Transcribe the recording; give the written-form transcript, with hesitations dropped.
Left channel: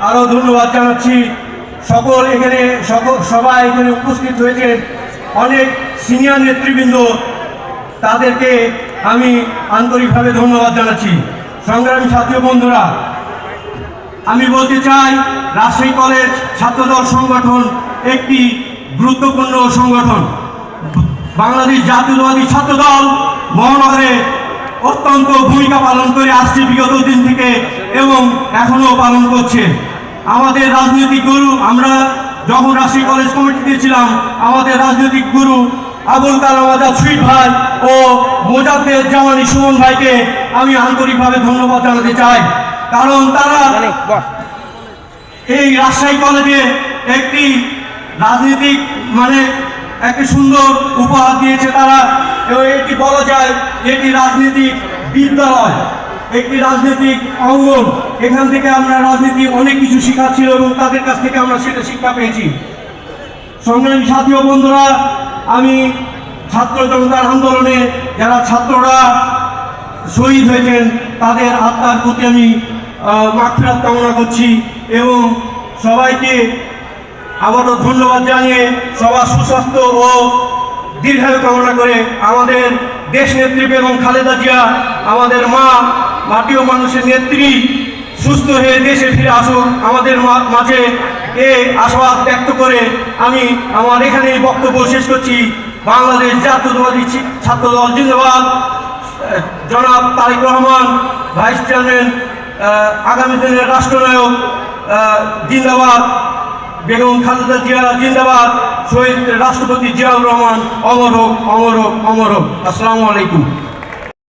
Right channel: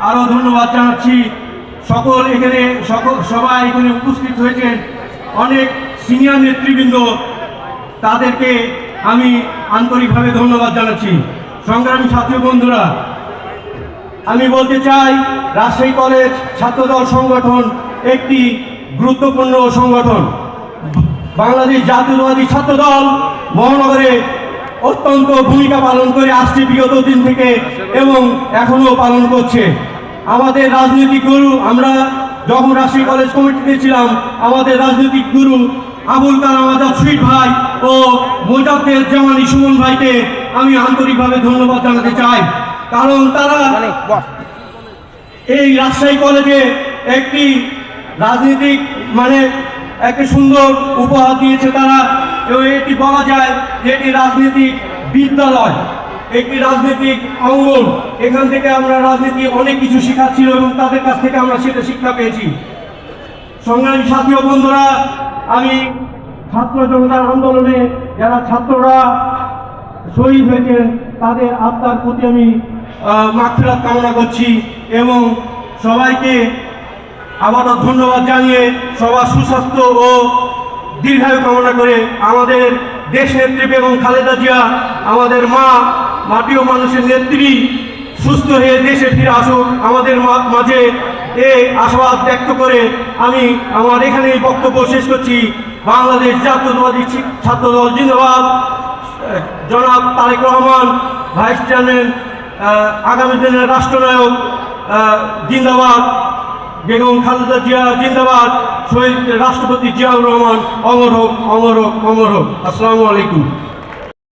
আরও ধন্যবাদ জানাচ্ছি। সবাই এখানে উপস্থিত হয়েছেন, অনেক সিনিয়র নেতৃবৃন্দ, তাদেরকে আমি আন্তরিকভাবে ধন্যবাদ জানাচ্ছি। সংগ্রামী সাথী বন্ধুরা, আমি বলতে চাই রাজশাহী কলেজ ছাত্রদল সংগঠন একটি গুরুত্বপূর্ণ সংগঠন। বাংলাদেশ জাতীয়তাবাদী ছাত্রদল মহানগরে অত্যন্ত ভূমিকা পালন করে আসছে বিগত দিন থেকে এবং এখনো পালন করছে। আমাদের রাজনৈতিক গুরু, আমরা যখন রাজশাহী কলেজ কমিটিতে ছিলাম, আমাদের রাজনৈতিক গুরু আবুল কালাম আজাদ শহীদ ভাই ও মোজাফফর জামানী সুমন ভাইকে আমি আন্তরিকভাবে ধন্যবাদ জানাতে চাই, কারণ তারা এই রাজশাহী কলেজে একটি রাজনৈতিক একটি সুন্দর উপহার দিয়েছে। তারা এটি বলা যায় যে এটি রাজনৈতিক বিদ্যালয়, একটি রাজনৈতিক অঙ্গন। এখান থেকে আমরা রাজনীতি অনেক কিছু শেখাচ্ছিল এবং তাদের কাছ থেকে আমরা সেটা শিক্ষা পেয়েছি। সংগ্রামী সাথী ও বন্ধুরা, আমি ছাত্র জনতার আন্দোলনে যারা ছাত্ররা শহীদ হয়েছেন তাদের আত্মার প্রতি আমি মাগফিরাত কামনা করছি এবং সবাইকে আবারও ধন্যবাদ জানিয়ে সবার সুস্বাস্থ্য ও দীর্ঘায়ু কামনা করে আমাদের দেশ নেত্রী বেগম খালেদা জিয়া, আমাদের মা, মাটি ও মানুষের নেত্রী, সুস্থ হয়ে দেশে ফিরে আসুক আমাদের মাঝে, এই আশাবাদ ব্যক্ত করে আমি আমার এখানেই বক্তব্য শেষ করছি। বাংলাদেশ জাতীয়তাবাদী ছাত্রদল জিন্দাবাদ। জনাব তারেক রহমান ভাইস চেয়ারম্যান, আগামী দিনের রাষ্ট্রনায়ক জিন্দাবাদ। বেগম খালেদা জিয়া জিন্দাবাদ। শহীদ রাষ্ট্রপতি জিয়াউর রহমান অমর হোক, অমর হোক, অমর হোক। আসসালামু আলাইকুম।